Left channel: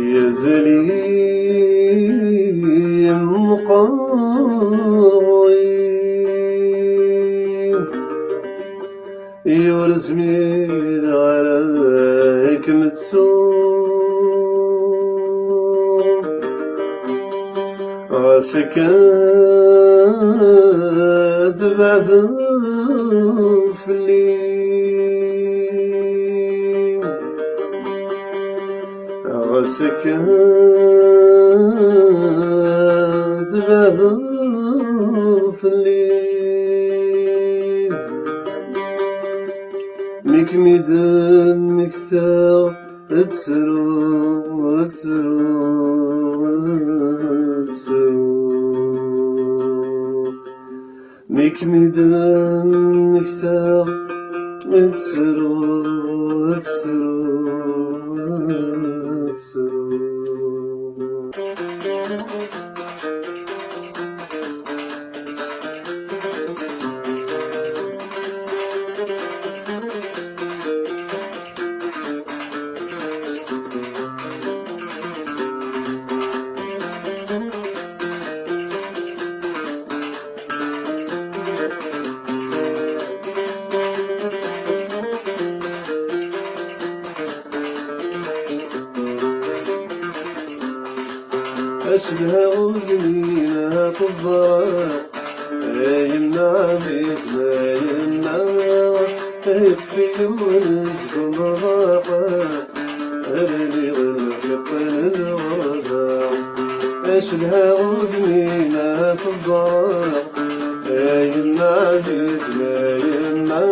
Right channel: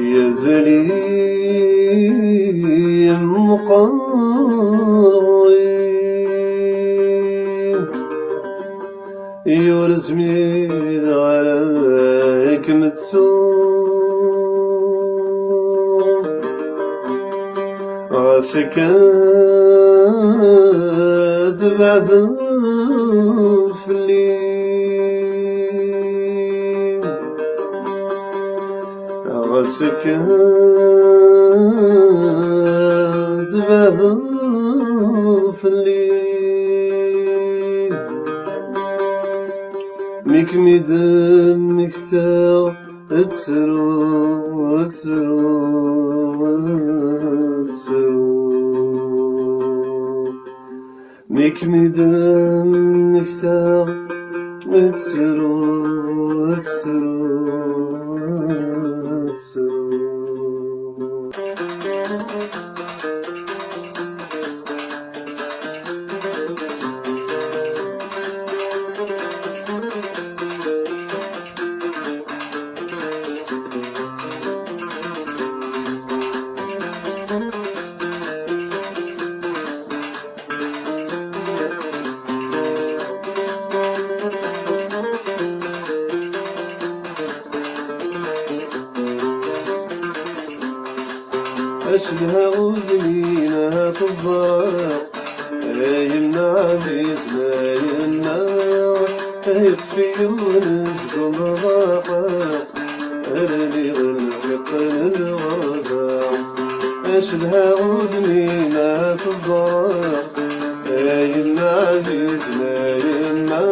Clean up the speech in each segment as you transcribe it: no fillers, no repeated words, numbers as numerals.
يا زليم مقاوم يورزمي عليك متسوم غسكات بعد في الليل غسكات بعد في الليل ميك ميدم مكتاب تسرو ميك ميدم مكتاب تسرو أشبه ودنينا تزرع راينا عزيز راينا يكفي ونسكن ضاقة أرمي غلق الوضع أشبه ودنينا تزرع راينا عزيز راينا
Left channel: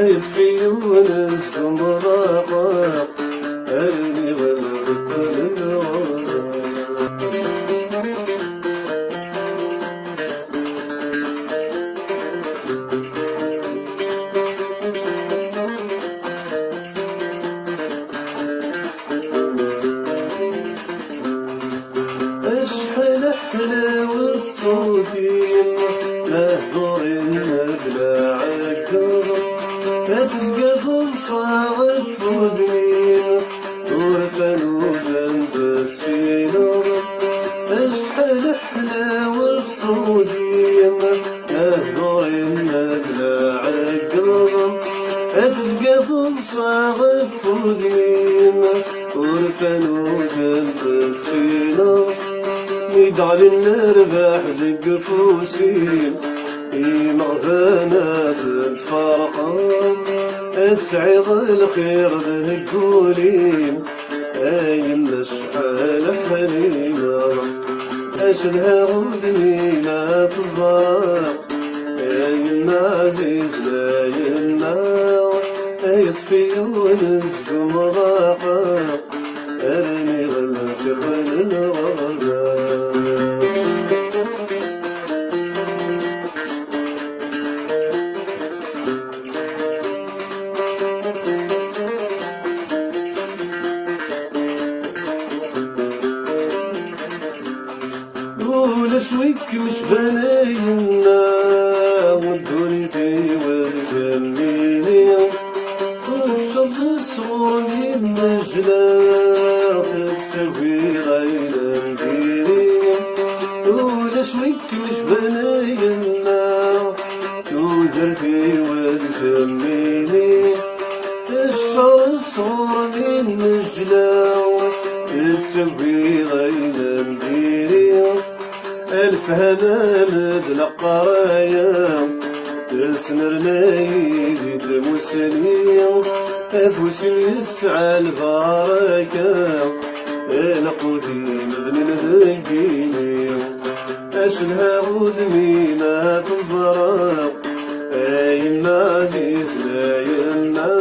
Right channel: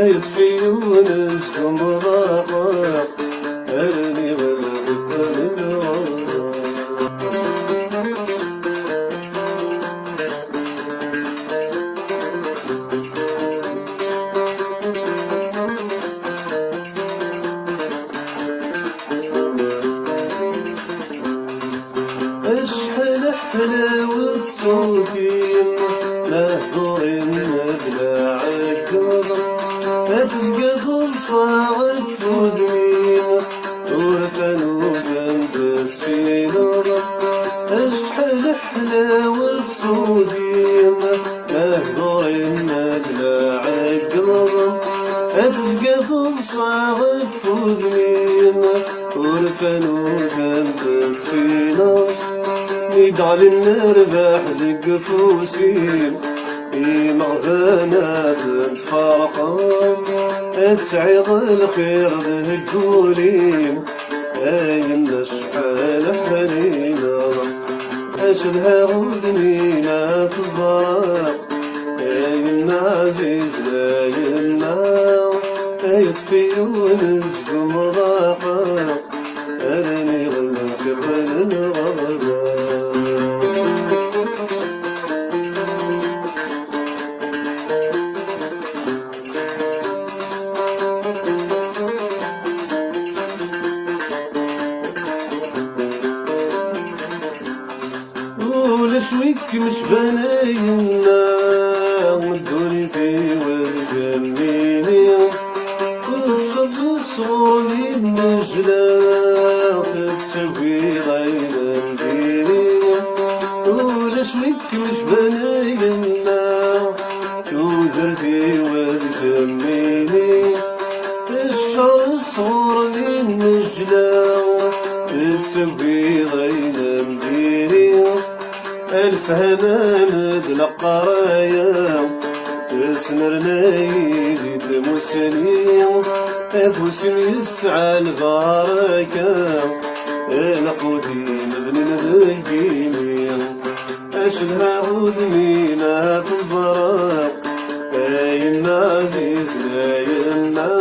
يكفي ونسكن ضاقة أرمي غلق الوضع اشحال حلاوة الصوتي نهضر المدلعك هتزقى خلصة غفودي ورفان وفان بسينا اشحال حلاوة الصوتي نهضر المدلعك هتزقى خلصة غفودي ورفان وفان بسينا يدعى للنربح دق فوسين مغبانات تفرقان اسعد الخير ذكورين ايمنا شحال حنينا اشلها ودنينا تزرع ايمنا عزيزنا يمنا يطفي ونسكو مضاقا ارمي غلق يخل الغربة ولشويك مش بناينا والدنيا والجميلة وشد صوني النجلاء تسوي غير مديرية ولشويك مش بناينا والدنيا والجميلة الشعر الصغر من النجلاء تسوي غير مديرية ألف هبالد نقرايا تسمر نايد موسانية أفوس يسعى البركة أنا قوتي مبني الذكينية أشلها ودنينا تزرع أيما عزيزنا يما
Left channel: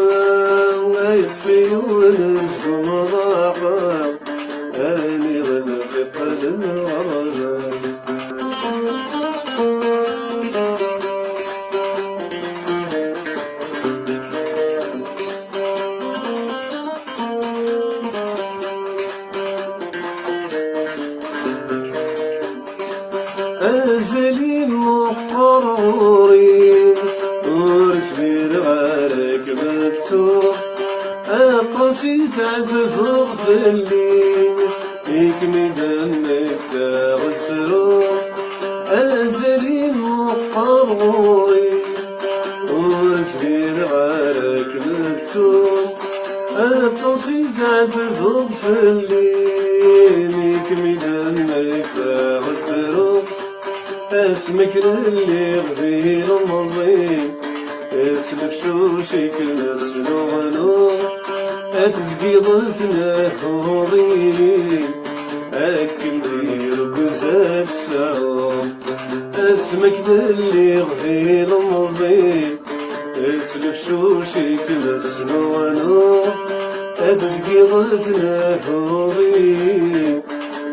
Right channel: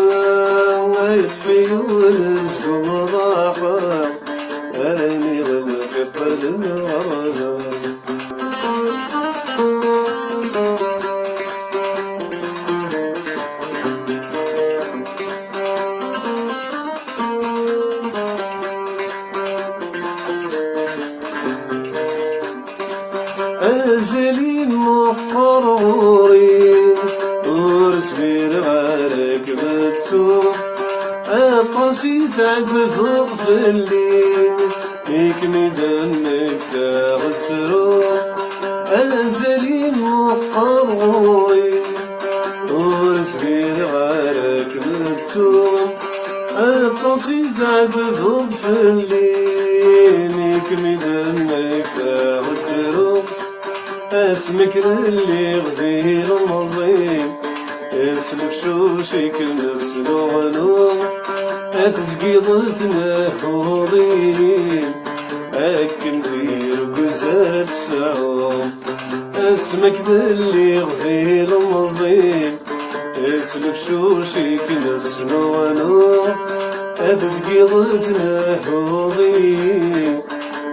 يكفي ونسكو مضاقة أرمي غلق قلب الغرام أزلين مقرورين ورسمي الغارك بتسوق القصيدة تفضل في الليل التوم القصيد عدد في الليل يكمل ما يفاوتهم اسمك للي غدير مزيم اسلك شوشك نسنونو اتزقيضتنا حورين اكل دير بزاف سعوم اسمك للي غدير مزيم اسلك شوشك نسنونو اتزقيضتنا حورين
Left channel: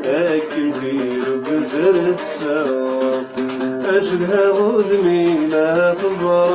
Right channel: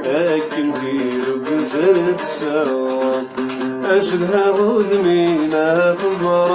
اكل دير بزاف سعوم أشدها عود منا تظهر